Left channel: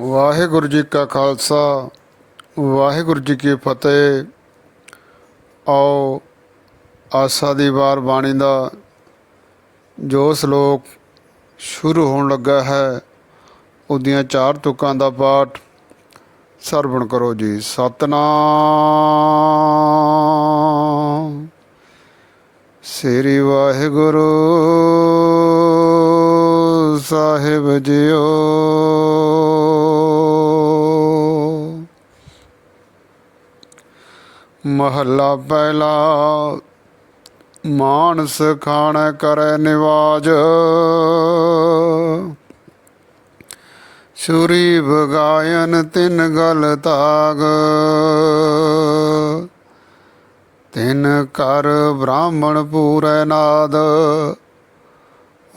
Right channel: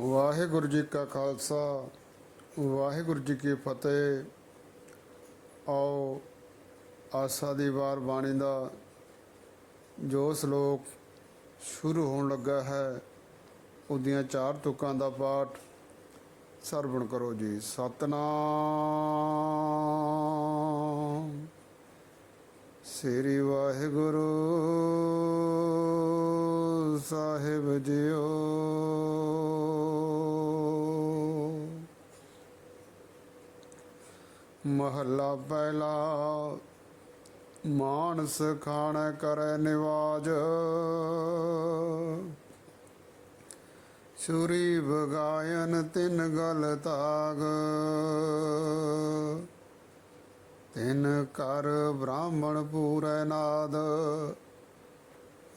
ਵਾਹਿਗੁਰੂ ਜੀ ਕਾ ਖਾਲਸਾ, ਵਾਹਿਗੁਰੂ ਜੀ ਕੀ ਫਤਿਹ। ਆਓ ਆਸਾ ਦੀ ਵਾਰ ਬਾਣੀ ਦਾ ਜੋ ਸ਼ਲੋਕ ਸ਼ੁਰੂ ਹੋਣ ਲੱਗਾ ਹੈ, ਉਹਦੀਆਂ ਚਾਰ ਤੁਕਾਂ ਦਾ ਪਾਠ ਸਰਵਣ ਕਰੋ ਜੀ। ਸਤਨਾਮ। ਸ੍ਰੀ ਵਾਹਿਗੁਰੂ। ਸਾਹਿਬ ਜਿਓ। ਮਹੱਲਾ ਪਹਿਲਾ, ਮਾਨਸ ਖਾਣ ਕਰੈ ਨਿਵਾਜ। ਸੂਰੀ ਬਗਾਇਨ ਤਿੰਨ ਗਲ ਤਾਗ। ਤਿਨ ਕਰ ਬ੍ਰਾਹਮਣ ਪੂਰੈ ਨਾਦ।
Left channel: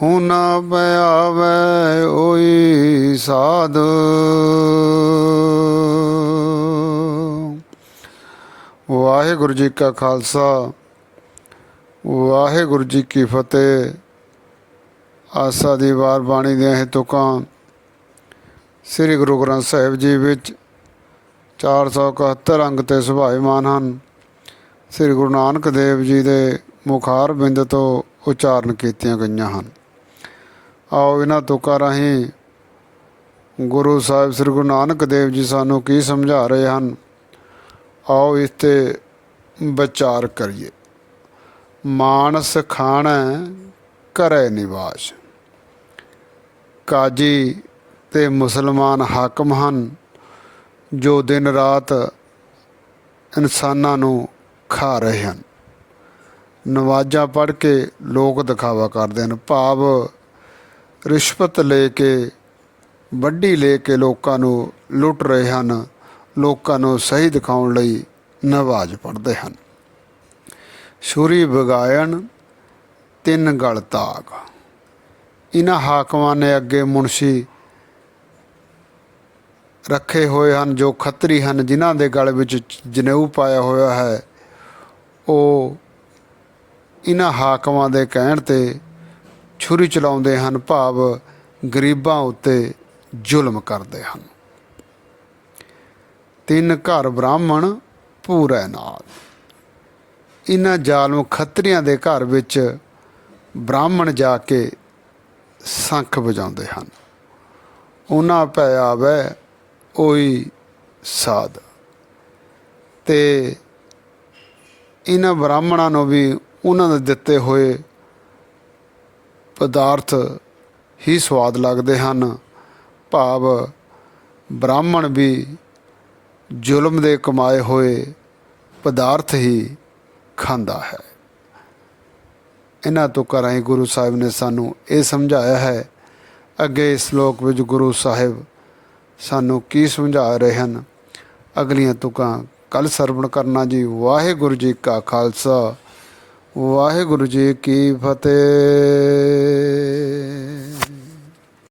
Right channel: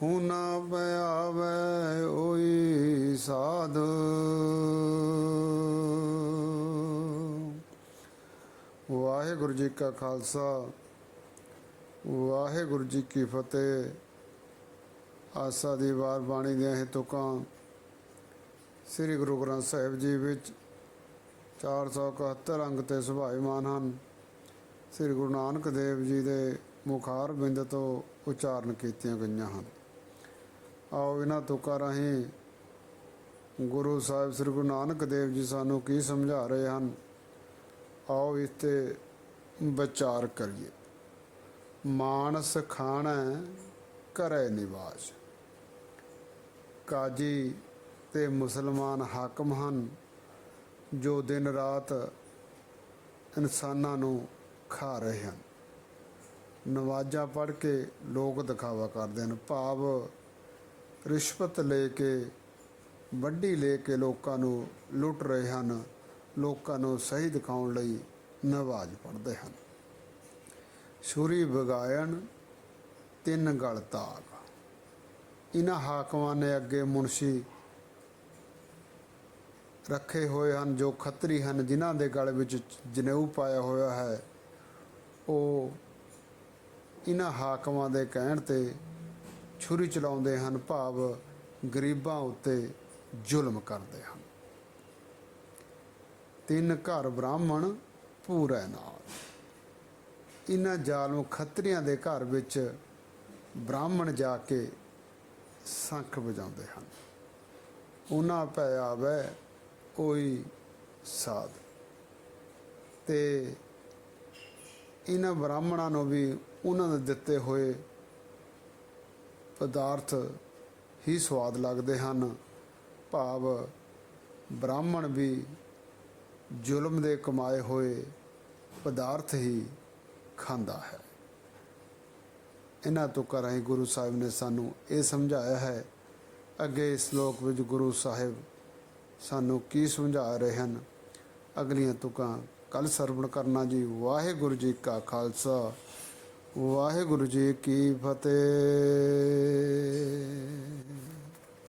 ਹੁਨਾ ਪਿਆਵੈ ਓਈ ਸਾਧ। ਵਾਹਿਗੁਰੂ ਜੀ ਕਾ ਖਾਲਸਾ, ਵਾਹਿਗੁਰੂ ਜੀ ਕੀ ਫਤਿਹ। ਆਸਾ ਦੀ ਵਾਰ ਬਾਣੀ ਦੀਆਂ ਇਹ ਤੁਕਾਂ ਸ੍ਰੀ ਗੁਰੂ ਗ੍ਰੰਥ ਸਾਹਿਬ ਜੀ ਵਿੱਚ 471 ਅੰਗ ਤੇ ਸੁਭਾਇਮਾਨ ਹਨ। ਸ੍ਰੀ ਗੁਰੂ ਨਾਨਕ ਦੇਵ ਜੀ ਦੇ ਮੁਖਾਰ ਬਿੰਦ ਤੋਂ ਉਚਾਰਨ ਕੀਤੀਆਂ ਗਈਆਂ ਹਨ। ਆਓ ਇਹਨਾਂ ਤੁਕਾਂ ਰਾਹੀਂ ਗੁਰੂ ਸਾਹਿਬ ਸ੍ਰੀ ਗੁਰੂ ਨਾਨਕ ਦੇਵ ਜੀ ਸਾਨੂੰ ਕੀ ਸਮਝਾ ਰਹੇ ਹਨ? ਆਓ ਇਸ ਤੇ ਵਿਚਾਰ ਕਰੀਏ। ਮਾਨਸ ਖਾਣਾ ਘਰੇ ਨਿਵਾਸ। ਕਾਜੀ ਤੇ ਮੁਸਲਮਾਨ ਹਾਕਮ ਹਨ, ਜੋ ਦਿਨ ਰਾਤ ਇਨਸਾਨਾਂ ਨੂੰ ਖਾ ਰਹੇ ਹਨ। ਨਵਾਜ਼ਾਂ ਪੜ੍ਹ ਕੇ ਲੋਕ ਦਿਖਾਵਾ ਕਰਦੇ ਹਨ। ਭਾਵ ਰਿਸ਼ਵਤ ਲੈ ਕੇ, ਵੱਡੀ ਲੈ ਕੇ ਲੋਕਾਂ ਨੂੰ ਲੁੱਟ ਰਹੇ ਹਨ। ਲੋਕਾਂ ਨੂੰ ਸਹੀ ਦਿਖਾਉਣ ਲਈ ਨਵਾਜ਼ ਪੜ੍ਹਦੇ ਹਨ। ਸ਼ੂਰੀ ਬਗਾਇਨ ਤਿੰਨ ਗਲ ਤਾਗ। ਇਹਨਾਂ ਹਾਕਮਾਂ ਨੇ ਅੱਗੇ ਮੁਨਸ਼ੀ ਰੱਖੇ ਹੋਏ ਹਨ, ਜੋ ਖੱਤਰੀ ਹਨ, ਜਿਨ੍ਹਾਂ ਦੇ ਗਲ ਵਿੱਚ ਜਨੇਊ ਪਾਇਆ ਹੋਇਆ ਹੈ। ਉਹ ਇਹਨਾਂ ਹਾਕਮਾਂ ਦੇ ਕਹਿਣ ਤੇ ਛੁਰੀ ਚਲਾਉਂਦੇ ਹਨ, ਭਾਵ ਗਰੀਬਾਂ ਉੱਤੇ ਜ਼ੁਲਮ ਕਰਦੇ ਹਨ। ਤਿੰਨ ਘਰ ਬ੍ਰਾਹਮਣ, ਪੂਰੇ ਨਾਲ। ਇਹਨਾਂ ਜ਼ਾਲਮ ਖੱਤਰੀਆਂ ਦੇ ਘਰ ਵਿੱਚ ਬ੍ਰਾਹਮਣ ਜਾ ਕੇ ਸੰਖ ਵਜਾਉਂਦੇ ਹਨ। ਉਹਨਾਂ ਪੈ ਆਵੇ ਓਈ ਸਾਧ। ਤੇ ਇਹਨਾਂ ਬ੍ਰਾਹਮਣਾਂ ਨੂੰ ਵੀ ਉਹਨਾਂ ਦੇ ਦਿੱਤੇ ਹੋਏ ਪਦਾਰਥ ਹੀ ਸਵਾਦ ਲੱਗਦੇ ਹਨ। ਭਾਵ ਬ੍ਰਾਹਮਣ ਵੀ ਜ਼ੁਲਮ ਦੇ ਕਮਾਏ ਹੋਏ ਪਦਾਰਥ ਹੀ ਖਾਂਦਾ ਹੈ। ਇਹਨਾਂ ਤੋਂ ਕਰਾਈ ਗੁਰੂ ਸਾਹਿਬ ਨੇ ਸਾਨੂੰ ਇਹ ਸਮਝਾਇਆ ਹੈ। ਅੱਗੇ ਇਸ ਸ਼ਲੋਕ ਵਿੱਚ ਗੁਰੂ ਸਾਹਿਬ ਸਾਨੂੰ ਕੀ ਸਮਝਾ ਰਹੇ ਹਨ? ਅਗਲੀਆਂ ਤੁਕਾਂ ਕੱਲ ਸਰਵਣ ਕਰਨਾ ਜੀ। ਵਾਹਿਗੁਰੂ ਜੀ ਕਾ ਖਾਲਸਾ। ਵਾਹਿਗੁਰੂ ਜੀ ਕੀ ਫਤਿਹ।